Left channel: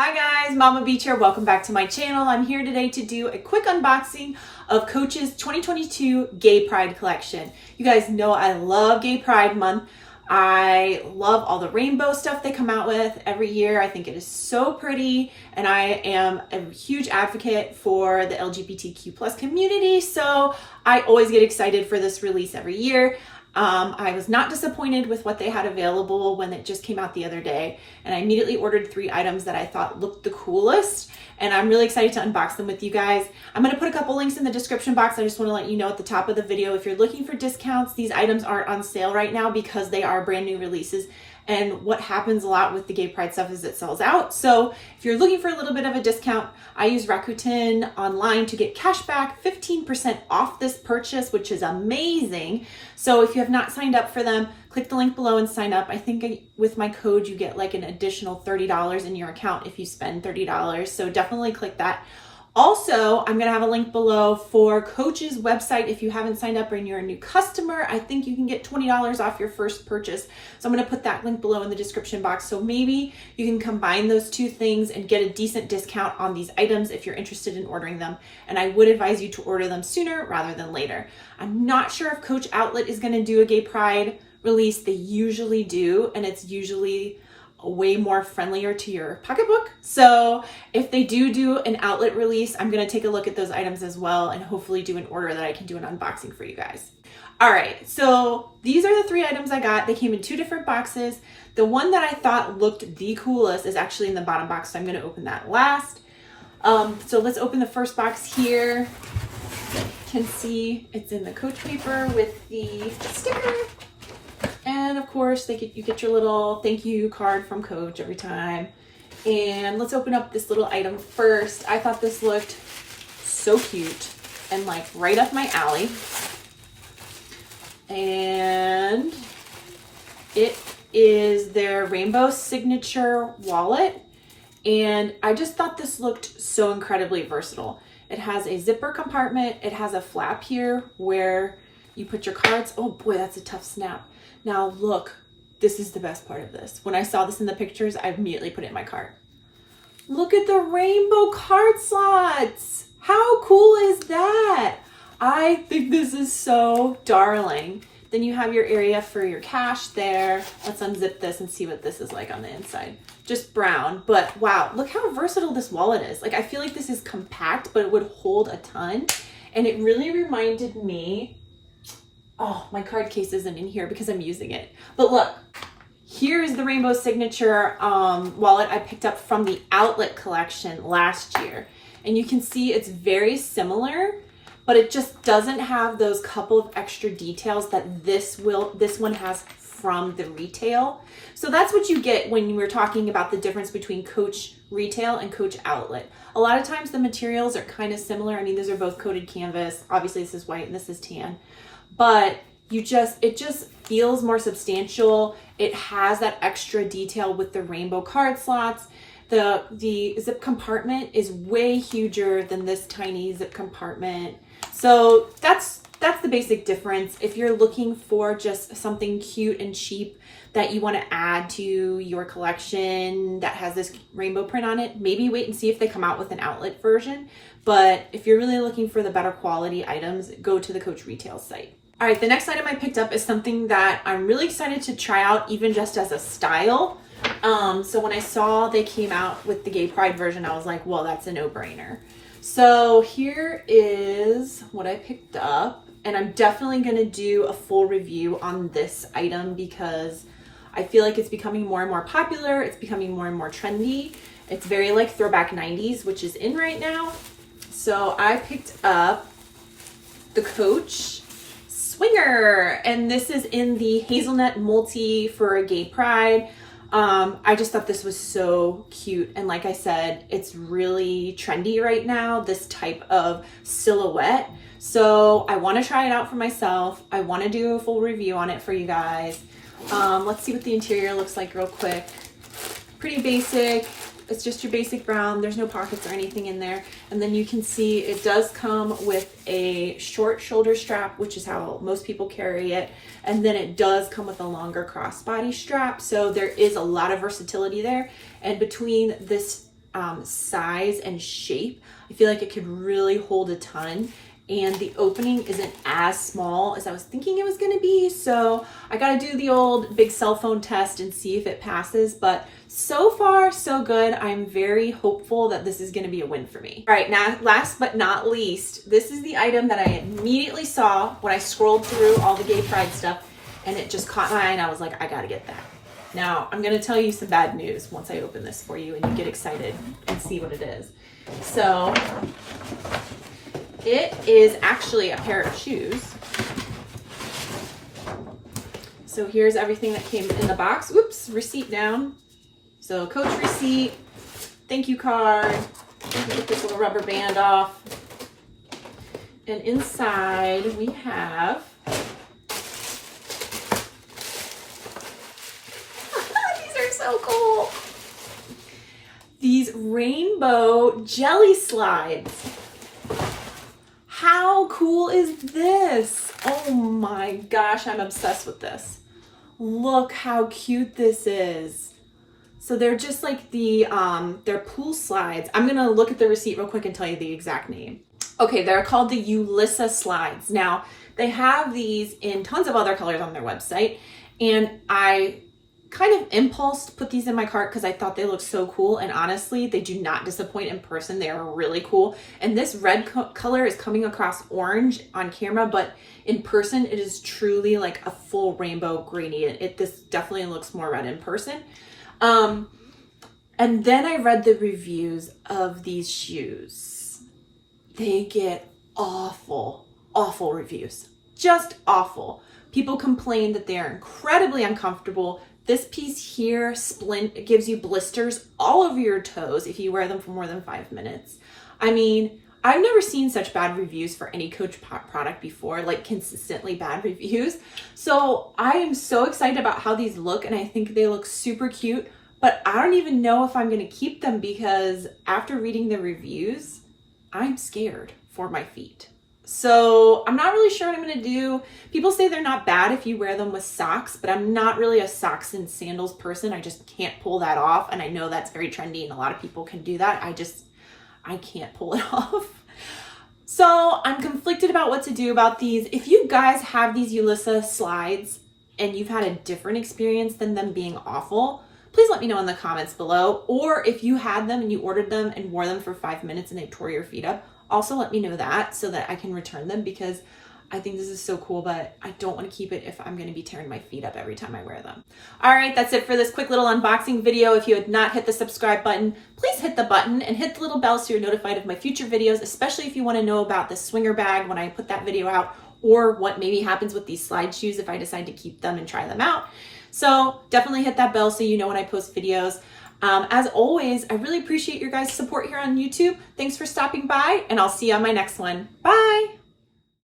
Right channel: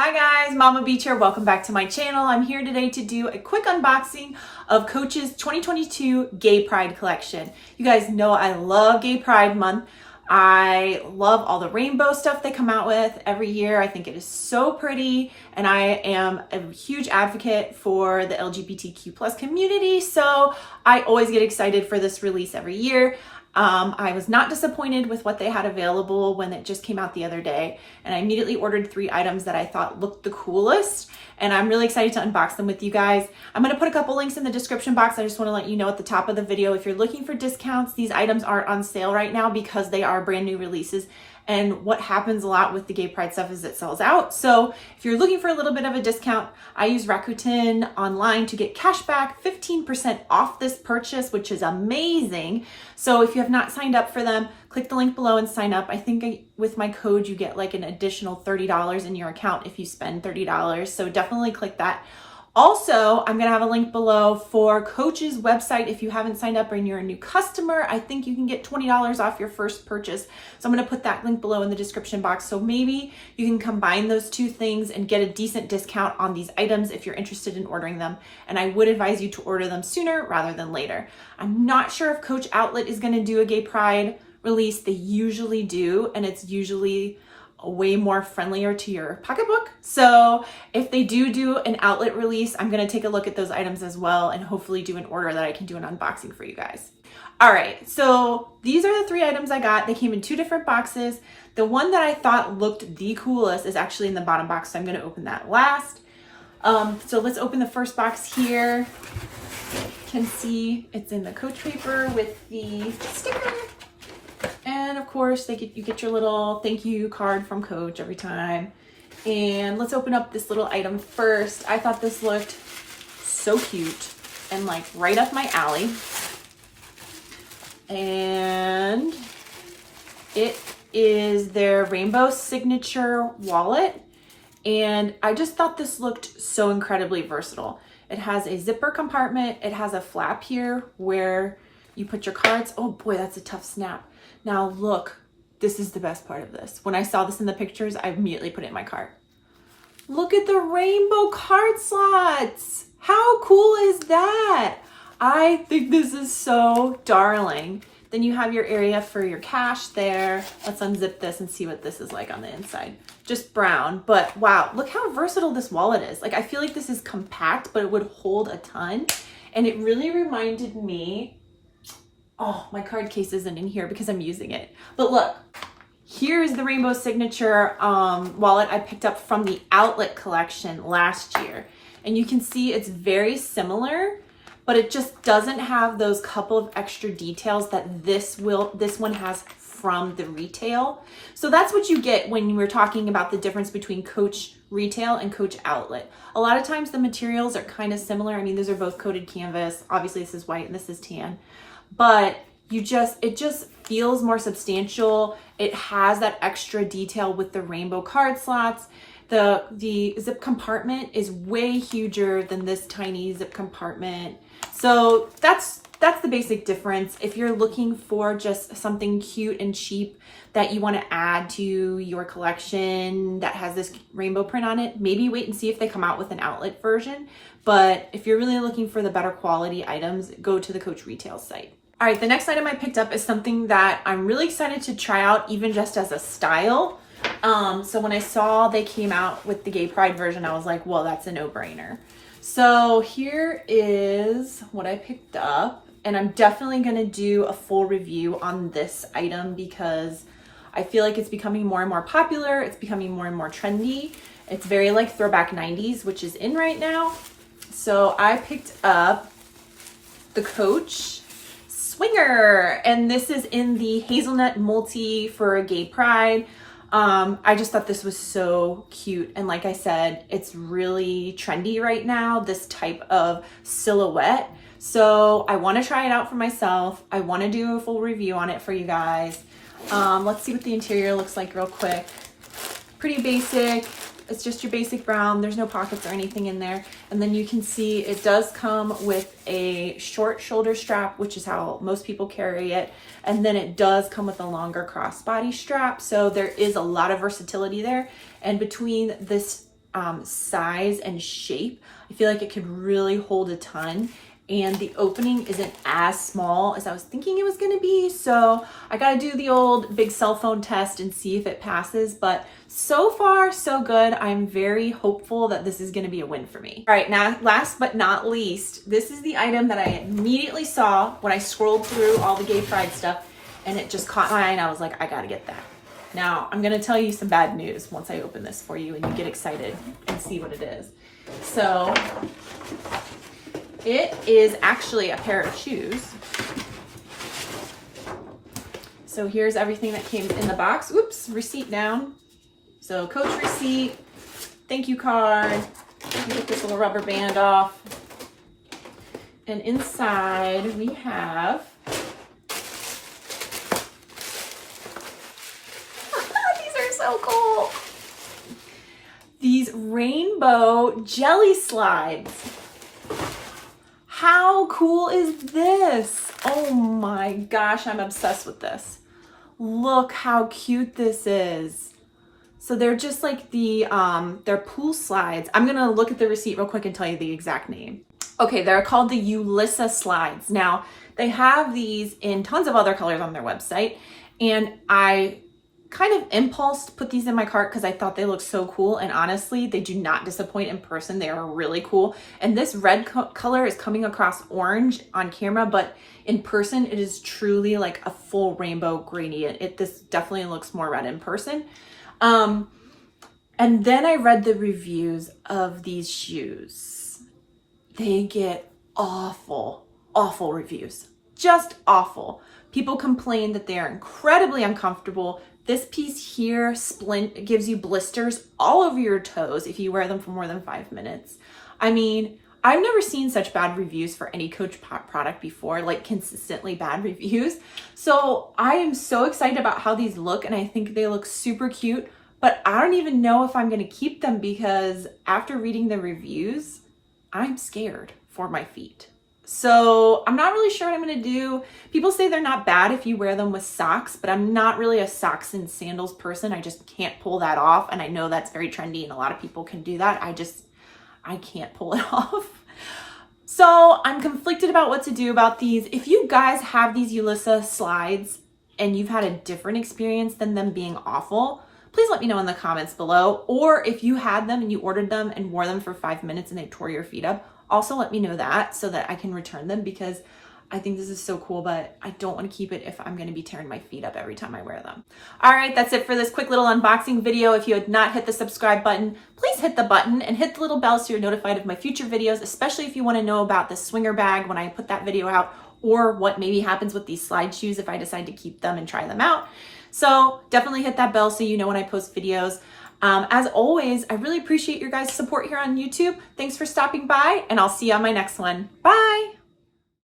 Hi guys, Mama Beach here. Welcome back to my channel. I'm here today to do a quick unboxing of Coach's 2022 Gay Pride collection. You guys know I love Gay Pride Month. I love all the rainbow stuff they come out with every year. I think it is so pretty, and I am a huge advocate for the LGBTQ plus community, so I always get excited for this release every year. I was not disappointed with what they had available when it just came out the other day, and I immediately ordered 3 items that I thought looked the coolest, and I'm really excited to unbox them with you guys. I'm going to put a couple links in the description box. I just want to let you know at the top of the video, if you're looking for discounts, these items aren't on sale right now because they are brand new releases. And what happens a lot with the Gay Pride stuff is it sells out. So if you're looking for a little bit of a discount, I use Rakuten online to get cash back 15% off this purchase, which is amazing. So if you have not signed up for them, click the link below and sign up. I think with my code, you get like an additional $30 in your account if you spend $30. So definitely click that. Also, I'm going to have a link below for Coach's website. If you haven't signed up and you're a new customer, I think you can get $20 off your first purchase. So I'm going to put that link below in the description box. So maybe you can combine those two things and get a decent discount on these items if you're interested in ordering them. And I would advise you to order them sooner rather than later. I'm not sure if Coach Outlet is going to do a Gay Pride release. They usually do, and it's usually way more friendlier to your pocketbook. So if they do an outlet release, I'm going to take a look at those items as well and hopefully do an order that I can do an unboxing for you guys. All right, so these are the 3 items I got. They came in 2 different boxes. The one that I thought looked the coolest is actually in the bottom box, so I'm going to open that last. So let's open the first box here. You can see it's in the Coach paper with the sticker. And of course, you get your little thank you card from Coach every time. And let's open up this little item first. I thought this looked so cute and like right up my alley. And it is their Rainbow Signature wallet. And I just thought this looked so incredibly versatile. It has a zipper compartment. It has a flap here where you put your cards. Oh boy, that's a tough snap. Now look, this is the best part of this. When I saw this in the pictures, I immediately put it in my cart. Look at the rainbow card slots. How cool is that? I think this is so darling. Then you have your area for your cash there. Let's unzip this and see what this is like on the inside. Just brown, but wow, look how versatile this wallet is. Like, I feel like this is compact, but it would hold a ton. And it really reminded me, oh, my card case isn't in here because I'm using it. But look, here's the Rainbow Signature wallet I picked up from the Outlet collection last year. And you can see it's very similar, but it just doesn't have those couple of extra details that this one has from the retail. So that's what you get when we're talking about the difference between Coach Retail and Coach Outlet. A lot of times the materials are kind of similar. I mean, these are both coated canvas. Obviously this is white and this is tan. But it just feels more substantial. It has that extra detail with the rainbow card slots. The zip compartment is way huger than this tiny zip compartment. So that's the basic difference. If you're looking for just something cute and cheap that you want to add to your collection that has this rainbow print on it, maybe wait and see if they come out with an outlet version. But if you're really looking for the better quality items, go to the Coach Retail site. All right, the next item I picked up is something that I'm really excited to try out, even just as a style. So when I saw they came out with the Gay Pride version, I was like, well, that's a no-brainer. So here is what I picked up, and I'm definitely gonna do a full review on this item because I feel like it's becoming more and more popular. It's becoming more and more trendy. It's very like throwback 90s, which is in right now. So I picked up the Coach Swinger, and this is in the hazelnut multi for Gay Pride. I just thought this was so cute, and like I said, it's really trendy right now, this type of silhouette. So I want to try it out for myself. I want to do a full review on it for you guys. Let's see what the interior looks like real quick. Pretty basic. It's just your basic brown. There's no pockets or anything in there. And then you can see it does come with a short shoulder strap, which is how most people carry it. And then it does come with a longer crossbody strap. So there is a lot of versatility there. And between this size and shape. I feel like it could really hold a ton, and the opening isn't as small as I was thinking it was going to be. So I got to do the old big cell phone test and see if it passes, but so far so good. I'm very hopeful that this is going to be a win for me. All right, now last but not least, this is the item that I immediately saw when I scrolled through all the Gay Pride stuff, and it just caught my eye and I was like, I got to get that. Now, I'm going to tell you some bad news once I open this for you and you get excited and see what it is. So, it is actually a pair of shoes. So here's everything that came in the box. Oops, receipt down. So coach receipt, thank you card. Get this little rubber band off. And inside we have so cool. These rainbow jelly slides. How cool is this? Oh my gosh, I'm obsessed with this. Look how cute this is. So they're just like they're pool slides. I'm gonna look at the receipt real quick and tell you the exact name. Okay, they're called the Yulissa slides. Now, they have these in tons of other colors on their website, and I kind of impulse put these in my cart because I thought they looked so cool, and honestly they do not disappoint in person. They are really cool, and this red color is coming across orange on camera, but in person it is truly like a full rainbow gradient. This definitely looks more red in person. And then I read the reviews of these shoes. They get awful reviews, just awful. People complain that they are incredibly uncomfortable. This piece here, splint, gives you blisters all over your toes if you wear them for more than 5 minutes. I mean, I've never seen such bad reviews for any Coach product before, like consistently bad reviews. So I am so excited about how these look, and I think they look super cute, but I don't even know if I'm gonna keep them because after reading the reviews, I'm scared for my feet. So I'm not really sure what I'm gonna do. People say they're not bad if you wear them with socks, but I'm not really a socks and sandals person. I just can't pull that off. And I know that's very trendy and a lot of people can do that. I can't pull it off. So I'm conflicted about what to do about these. If you guys have these Yulissa slides and you've had a different experience than them being awful, please let me know in the comments below. Or if you had them and you ordered them and wore them for 5 minutes and they tore your feet up, also let me know that so that I can return them, because I think this is so cool, but I don't want to keep it if I'm going to be tearing my feet up every time I wear them. All right, that's it for this quick little unboxing video. If you had not hit the subscribe button, please hit the button and hit the little bell so you're notified of my future videos, especially if you want to know about the swinger bag when I put that video out, or what maybe happens with these slide shoes if I decide to keep them and try them out. So definitely hit that bell so you know when I post videos. As always, I really appreciate your guys' support here on YouTube. Thanks for stopping by, and I'll see you on my next one. Bye!